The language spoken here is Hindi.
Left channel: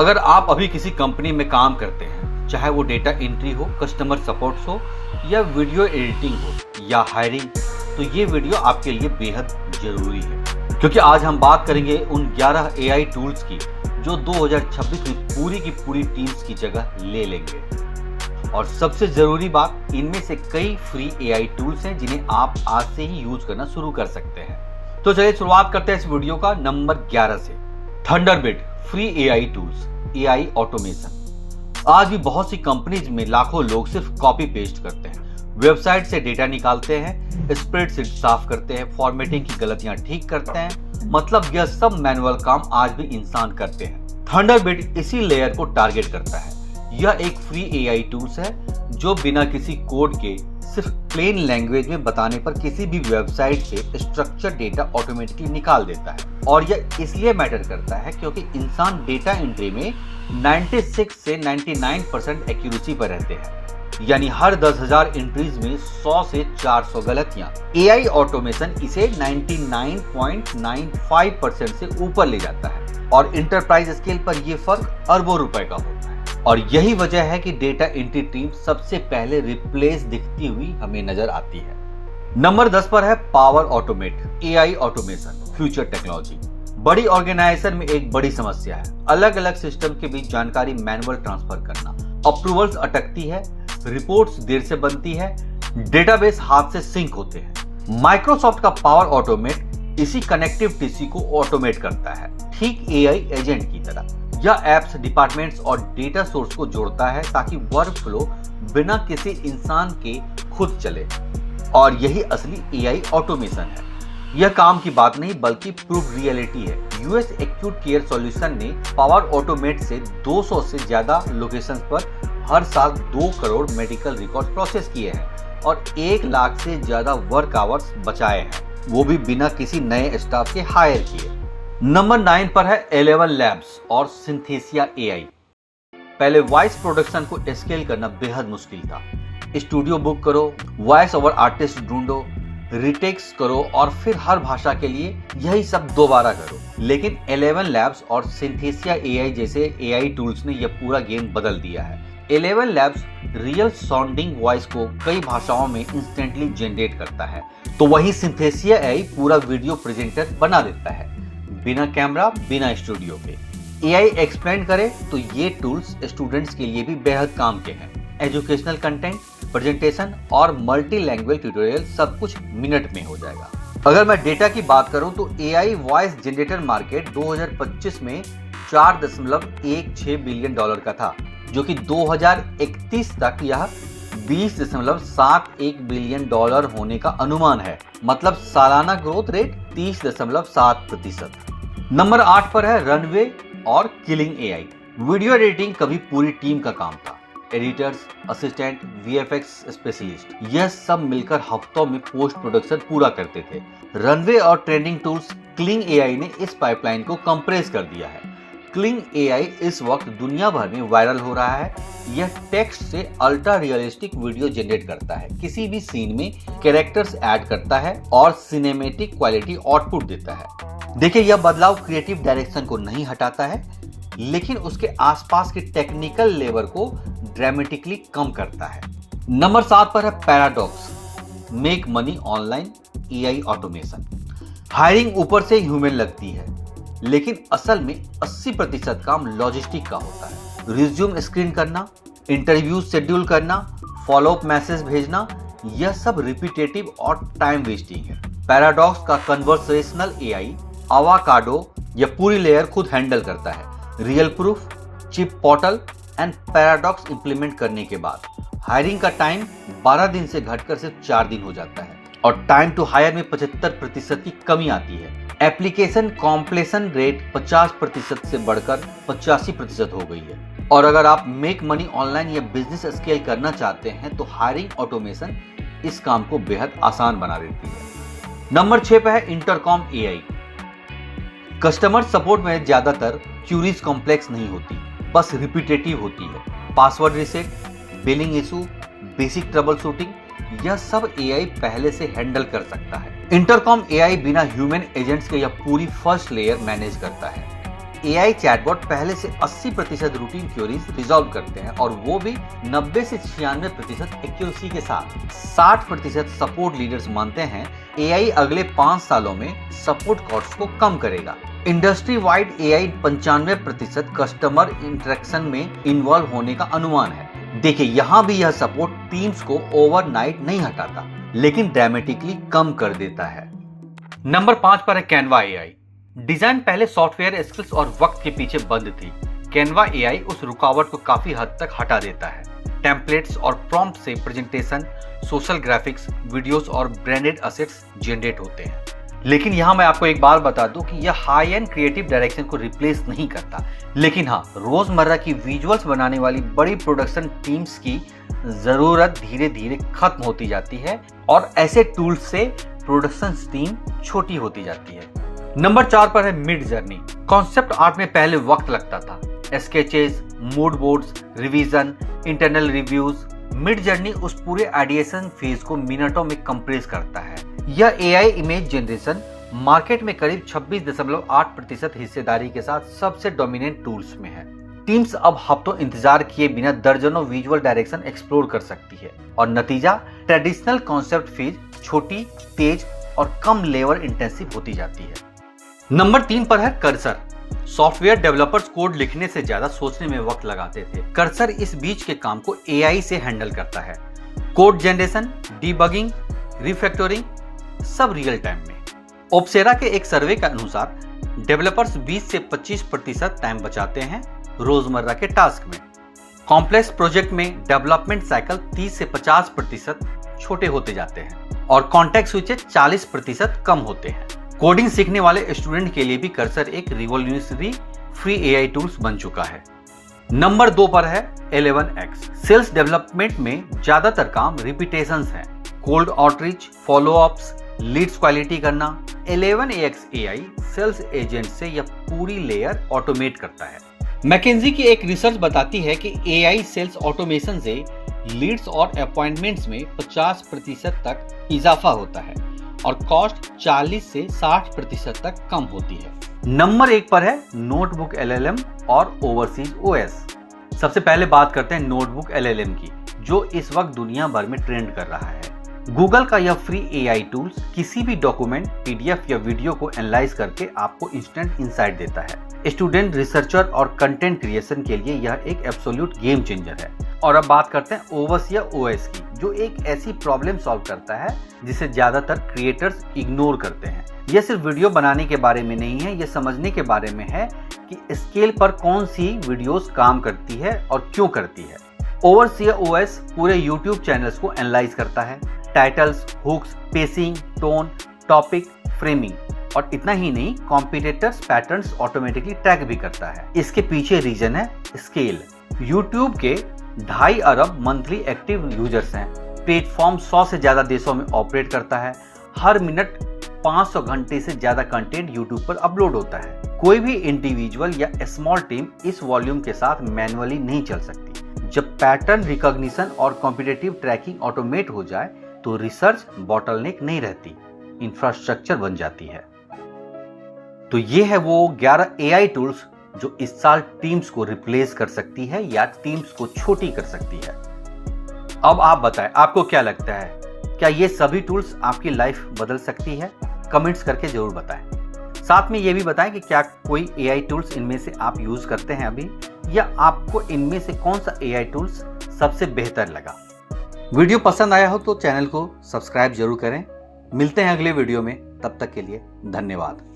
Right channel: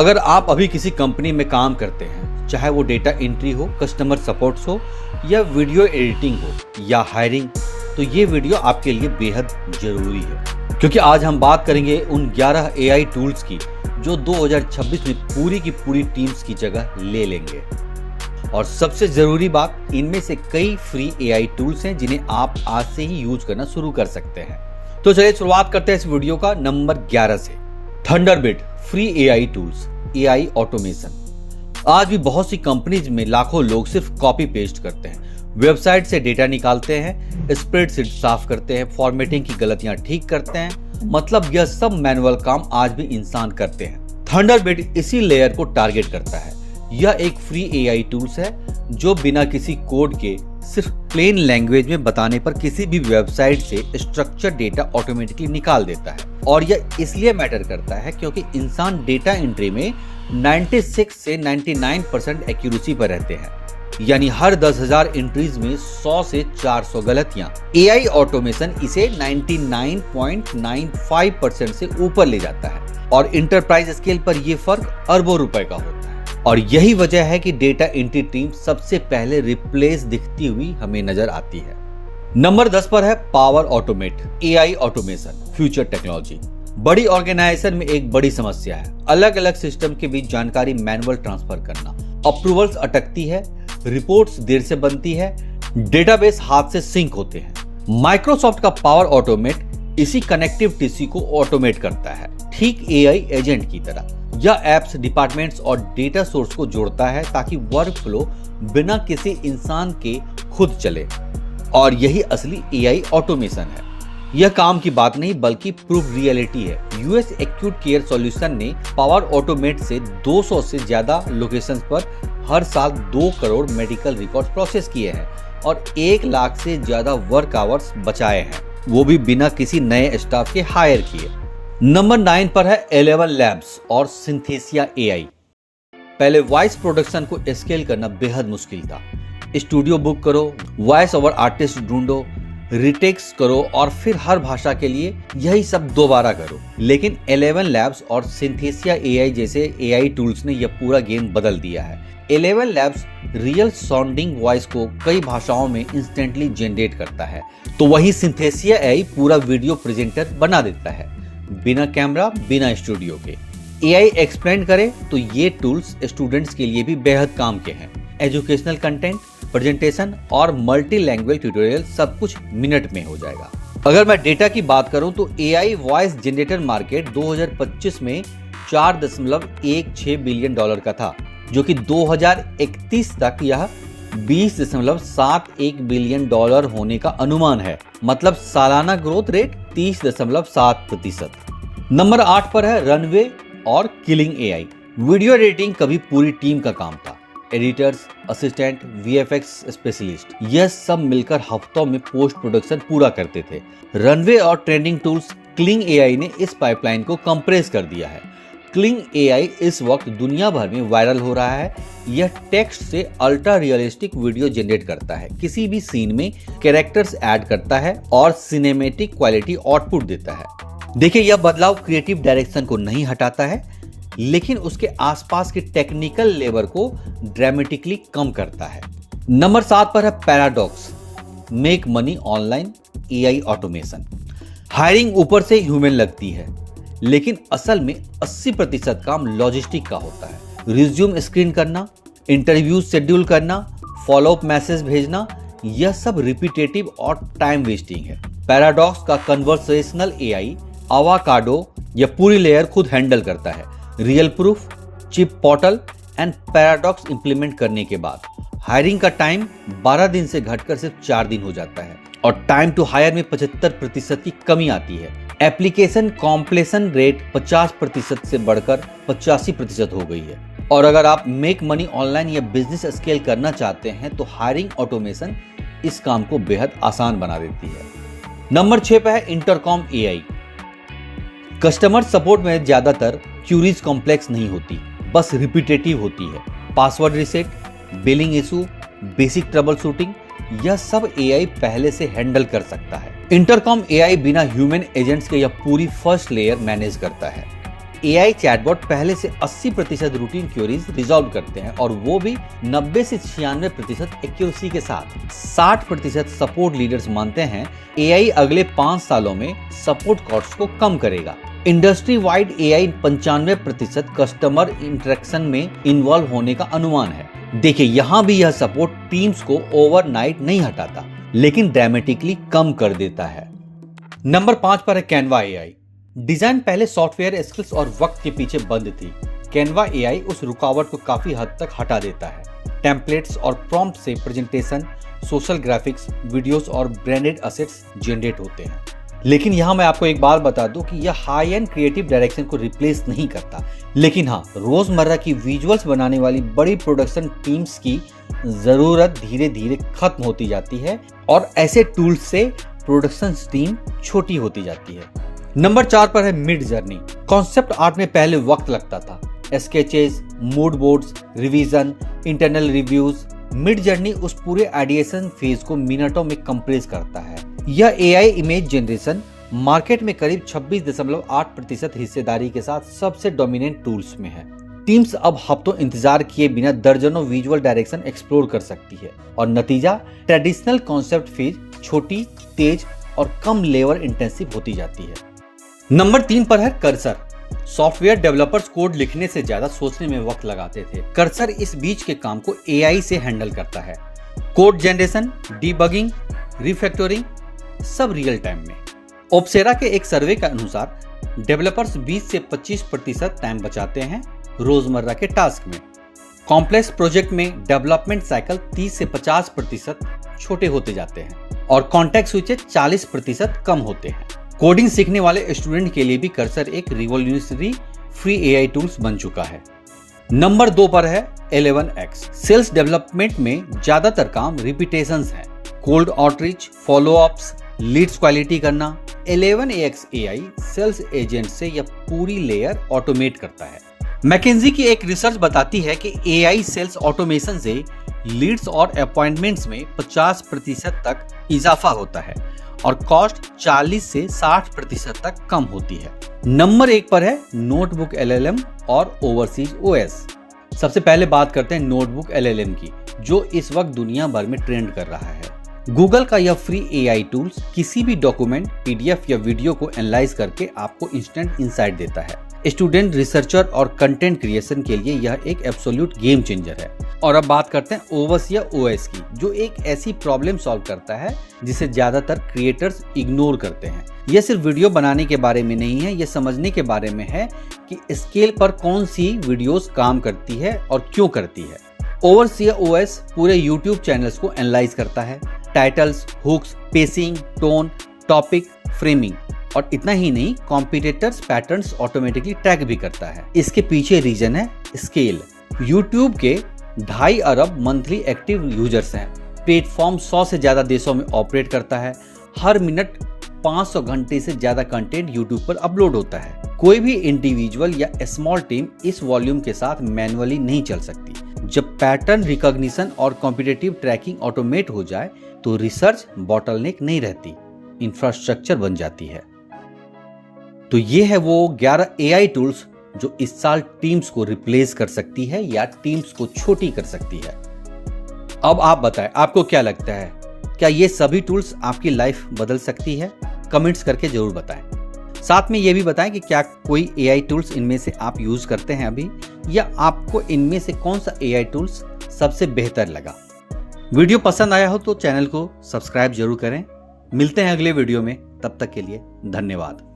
अगर आप अभी किसी कंपनी में काम करते हैं, चाहे वो डेटा एंट्री हो, कस्टमर सपोर्ट हो या वीडियो एडिटिंग हो या हायरिंग, तो ये वीडियो आपके लिए बेहद जरूरी है, क्योंकि आज हम बात करेंगे उन 11 AI टूल्स की जो 2026 में पूरी की पूरी टीम्स की जगह ले लेंगे। और सबसे जरूरी बात, इनमें से कई फ्री AI टूल्स हैं जिन्हें आप आज से ही यूज करना शुरू कर सकते हैं। तो चलिए शुरुआत करते हैं इस वीडियो का नंबर 11 से। Thunderbird free AI tools, AI automation. आज भी बहुत सी कंपनीज में लाखों लोग सिर्फ कॉपी पेस्ट करते हैं, वेबसाइट से डेटा निकालते हैं, स्प्रेडशीट साफ करते हैं, फॉर्मेटिंग की गलतियां ठीक करते हैं। मतलब यह सब मैनुअल काम आज भी इंसान करते हैं। थंडरबिर्ड इसी लेयर को टारगेट करता है। यह एक फ्री AI टूल्स है जो बिना किसी कोड के सिर्फ प्लेन लैंग्वेज में बताने पर किसी भी वेबसाइट से स्ट्रक्चर डेटा ऑटोमेटिकली निकाल देता है। और यह इसलिए मैटर करता है क्योंकि इंसान डेटा एंट्री में 96 से 99% एक्यूरेसी पर रहते हैं, यानी हर 10,000 एंट्रीज में 100 से 400 गलतियां। AI ऑटोमेशन इसे 99.95% से ऊपर ले जाता है और इंटरप्राइज स्केल पर यह फर्क अरबों रुपए का होता है। और यही वजह है कि डेटा एंट्री टीम सबसे पहले रिप्लेस दिखती हुई हमें नजर आती है। नंबर 10 पर है power automate AI automation future technology. बड़ी ऑर्गेनाइजेशन में एक बड़ी समस्या है अलग अलग सिस्टम के बीच जानकारी मैनुअल ट्रांसफर करना। अप्रूवल्स अटकती है, रिपोर्ट्स देर से बनती है, डेटाबेस हाथ से सिंक होते हैं। माइक्रोसॉफ्ट का पावर ऑटोमेट इसी कनेक्टिविटी को ऑटोमेट करता है, ठीक AI एजेंट की तरह। यह एप्स, डिपार्टमेंट्स और डेटा सोर्स को जोड़ता है ताकि वर्क फ्लो बिना किसी इंसान के खुद चले। और यही असली AI ऑटोमेशन है। यह काम की बात नहीं बल्कि प्रूफ रियलिटी है। US एक्यूट केयर सॉल्यूशन ने पावर ऑटोमेट से 200 से ज्यादा लोकेशंस पर हर साल 2 करोड़ मेडिकल रिकॉर्ड प्रोसेस किए हैं और 1 लाख से ज्यादा वर्क आवर्स बचाए हैं, वो भी बिना किसी नए स्टाफ के हायर किए। नंबर 9 पर है 11 लैब्स और सिंथेसिया AI। पहले वॉइस प्रोडक्शन को स्केल करना बेहद मुश्किल था। स्टूडियो बुक करो, वॉइस ओवर आर्टिस्ट ढूंढो, रिटेक्स करो और फिर हर भाषा के लिए यही सब दोबारा करो। लेकिन 11 लैब्स और सिंथेसिया AI जैसे AI टूल्स ने यह पूरा गेम बदल दिया है। 11 लैब्स रियल साउंडिंग वॉइस को कई भाषाओं में इंस्टेंटली जनरेट करता है, तो वही सिंथेसिया AI पूरा वीडियो प्रेजेंटर बना देता है, बिना कैमरा, बिना स्टूडियो के। AI एक्सप्लेन करे तो ये टूल्स स्टूडेंट्स के लिए भी बेहद काम के हैं। एजुकेशनल कंटेंट, प्रेजेंटेशन और मल्टी लैंग्वेज ट्यूटोरियल सब कुछ मिनट में हो जाएगा। अगर मैं डेटा की बात करूं तो AI वॉइस जनरेटर मार्केट 2025 में $4.16 बिलियन का था, जो कि 2031 तक यह $20.71 बिलियन होने का अनुमान है। मतलब सालाना ग्रोथ रेट 30.7%। नंबर 8 पर है रनवे और किलिंग AI। वीडियो एडिटिंग कभी पूरी टीम का काम था। एडिटर्स, असिस्टेंट, VFX स्पेशलिस्ट, यह सब मिलकर हफ्तों में पोस्ट प्रोडक्शन पूरा करते थे। रनवे और ट्रेंडिंग टूल्स किलिंग AI ने इस पाइपलाइन को कंप्रेस कर दिया है। किलिंग AI इस वक्त दुनिया भर में वायरल हो रहा है। यह टेक्स्ट से अल्ट्रा रियलिस्टिक वीडियो जनरेट करता है, किसी भी सीन में कैरेक्टर्स ऐड करता है और सिनेमैटिक क्वालिटी आउटपुट देता है। देखिए, यह बदलाव क्रिएटिव डायरेक्शन को नहीं हटाता है, लेकिन उसके आसपास के टेक्निकल लेबर को ड्रामेटिकली कम करता है। नंबर 7 पर है paradox make money online AI automation. Hiring ऊपर से ह्यूमन लगती है, लेकिन असल में 80% काम लॉजिस्टिक का होता है। रिज्यूम स्क्रीन करना, इंटरव्यू शेड्यूल करना, फॉलोअप मैसेज भेजना, यह सब रिपीटेटिव और टाइम वेस्टिंग है। पैराडॉक्स का कन्वर्सेशनल AI अवाकाडो यह पूरी लेयर खुद हैंडल करता है। Real proof, chip portal and paradox implement करने के बाद हायरिंग का टाइम 12 दिन से घटकर सिर्फ 4 दिन हो जाता है और टाइम टू हायर में 75% की कमी आती है। एप्लीकेशन कॉम्प्लेशन रेट 50% से बढ़कर 85% हो गई है। और अगर आप मेक मनी ऑनलाइन या बिजनेस स्केल करना चाहते हैं तो हायरिंग ऑटोमेशन इस काम को बेहद आसान बना देती है। नंबर 6 पे है इंटरकॉम AI। कस्टमर सपोर्ट में ज्यादातर क्यूरीज कॉम्प्लेक्स नहीं होती, बस रिपीटेटिव होती है। Password reset, billing issue, basic trouble shooting, यह सब AI पहले से हैंडल कर सकता है। इंटरकॉम AI बिना ह्यूमन एजेंट्स के यह पूरी फर्स्ट लेयर मैनेज करता है। AI चैटबॉट पहले से 80% रूटीन क्वेरीज रिजॉल्व करते हैं और वो भी 90 से 96% एक्यूरेसी के साथ। 60% सपोर्ट लीडर्स मानते हैं AI अगले 5 सालों में सपोर्ट कॉस्ट को कम करेगा। Industry wide AI 95% customer interaction में इन्वॉल्व होने का अनुमान है। देखिए, यहाँ भी यह सपोर्ट टीम्स को ओवरनाइट नहीं हटाता, लेकिन ड्रामेटिकली कम कर देता है। नंबर 5 पर है कैनवा AI। डिजाइन पहले सॉफ्टवेयर स्किल्स और वक्त के पीछे बंद थी। कैनवा AI उस रुकावट को काफी हद तक हटा देता है। टेम्पलेट्स और प्रॉम्प्ट से प्रेजेंटेशन, सोशल ग्राफिक्स, वीडियोस और ब्रांडेड असेट्स जनरेट होते हैं। लेकिन यहाँ मैं आपको एक बात बता दूं कि यह हाई एंड क्रिएटिव डायरेक्शन को रिप्लेस नहीं करता, लेकिन हाँ, रोजमर्रा की विजुअल्स बनाने वाली बड़ी प्रोडक्शन टीम्स की जरूरत धीरे धीरे खत्म होती जाती है और ऐसे टूल्स से प्रोडक्शन टीम छोटी होती जाती है। नंबर 4 पर है मिड जर्नी। कॉन्सेप्ट आर्ट में पहले वक्त लगता था, sketches, mood boards, revision, internal reviews. Mid journey उस पूरे आइडिएशन फेज को मिनटों में कंप्रेस करता है। यह AI इमेज जनरेशन मार्केट में करीब 26.8% हिस्सेदारी के साथ सबसे डोमिनेंट टूल्स में है। टीम्स अब हफ्तों इंतजार किए बिना दर्जनों विजुअल डायरेक्शन एक्सप्लोर कर सकती है और नतीजा ट्रेडिशनल कॉन्सेप्ट फेज छोटी, तेज और कम लेबर इंटेंसिव होती जाती है। नंबर 3 पर है कर्सर। सॉफ्टवेयर डेवलपर्स कोड लिखने से ज्यादा सोचने में वक्त लगाते थे। कर्सर इस बीच के काम को AI से हैंडल करता है। कोड जनरेशन, डीबगिंग, रिफैक्टरिंग सब रियल टाइम में। ओप्सेरा के एक सर्वे के अनुसार डेवलपर्स 20 से 25% टाइम बचाते हैं रोजमर्रा के टास्क में। कॉम्प्लेक्स प्रोजेक्ट में डेवलपमेंट साइकिल 30 से 50% छोटे होते जाते हैं और कॉन्टेक्स्ट स्विचेस 40% कम होते हैं। कोडिंग सीखने वाले स्टूडेंट के लिए भी कर्सर एक रिवॉल्यूशनरी फ्री AI टूल्स बन चुका है। नंबर 2 पर है 11x। सेल्स डेवलपमेंट में ज्यादातर काम रिपीटेशंस हैं। Cold outreach, followups, leads quality करना। 11x AI सेल्स एजेंट से यह पूरी लेयर ऑटोमेट करता है। मैकेंजी की एक रिसर्च बताती है कि AI सेल्स ऑटोमेशन से लीड्स और अपॉइंटमेंट्स में 50% तक इजाफा होता है और कॉस्ट 40 से 60% तक कम होती है। नंबर 1 पर है नोटबुक LLM और ओवरसीज OS। सबसे पहले बात करते हैं नोटबुक LLM की, जो इस वक्त दुनिया भर में ट्रेंड कर रहा है। गूगल का यह फ्री AI टूल्स किसी भी डॉक्यूमेंट, PDF या वीडियो को एनालाइज करके आपको इंस्टेंट इंसाइट देता है। स्टूडेंट, रिसर्चर और कंटेंट क्रिएशन के लिए यह एक एब्सोल्यूट गेम चेंजर है। और अब बात करते हैं ओवस या OS की, जो एक ऐसी प्रॉब्लम सॉल्व करता है जिसे ज्यादातर क्रिएटर्स इग्नोर करते हैं। यह सिर्फ वीडियो बनाने के बारे में नहीं है, यह समझने के बारे में है कि स्केल पर कौन सी वीडियोस काम करती है और क्यों करती है। ओवस या OS पूरे YouTube चैनल्स को एनालाइज करता है, titles, hooks, pacing, tone, topic, framing, और इतना ही नहीं, कॉम्पिटिटर्स पैटर्न्स ऑटोमेटिकली ट्रैक भी करता है। इसके पीछे रीजन है स्केल। YouTube के 2.5 अरब मंथली एक्टिव यूजर्स हैं। प्लेटफॉर्म 100 से ज्यादा देशों में ऑपरेट करता है। हर मिनट 500 घंटे से ज्यादा कंटेंट YouTube पर अपलोड होता है। कोई भी इंडिविजुअल या स्मॉल टीम इस वॉल्यूम के साथ मैन्युअली नहीं चल सकती। जब पैटर्न रिकॉग्निशन और कॉम्पिटिटिव ट्रैकिंग ऑटोमेट हो जाए तो रिसर्च बॉटलनेक नहीं रहती, इंफ्रास्ट्रक्चर बन जाती है। तो ये है वो 11 AI टूल्स जो इस साल टीम्स को रिप्लेस कर सकती है या टीम्स को छोटी कर सकती है। अब आप बताएं, आपको क्या लगता है, क्या ये सभी टूल्स आपकी लाइफ बदल सकती है? कमेंट्स करके जरूर बताएं। साथ में ये भी बताएं कि क्या कोई AI टूल्स इनमें से आप यूज करते हैं अभी, या आपको इनमें से कौन सा AI टूल्स सबसे बेहतर लगा। वीडियो पसंद आया हो तो चैनल को सब्सक्राइब जरूर करें। मिलते हैं अगले वीडियो में, तब तक के लिए धन्यवाद।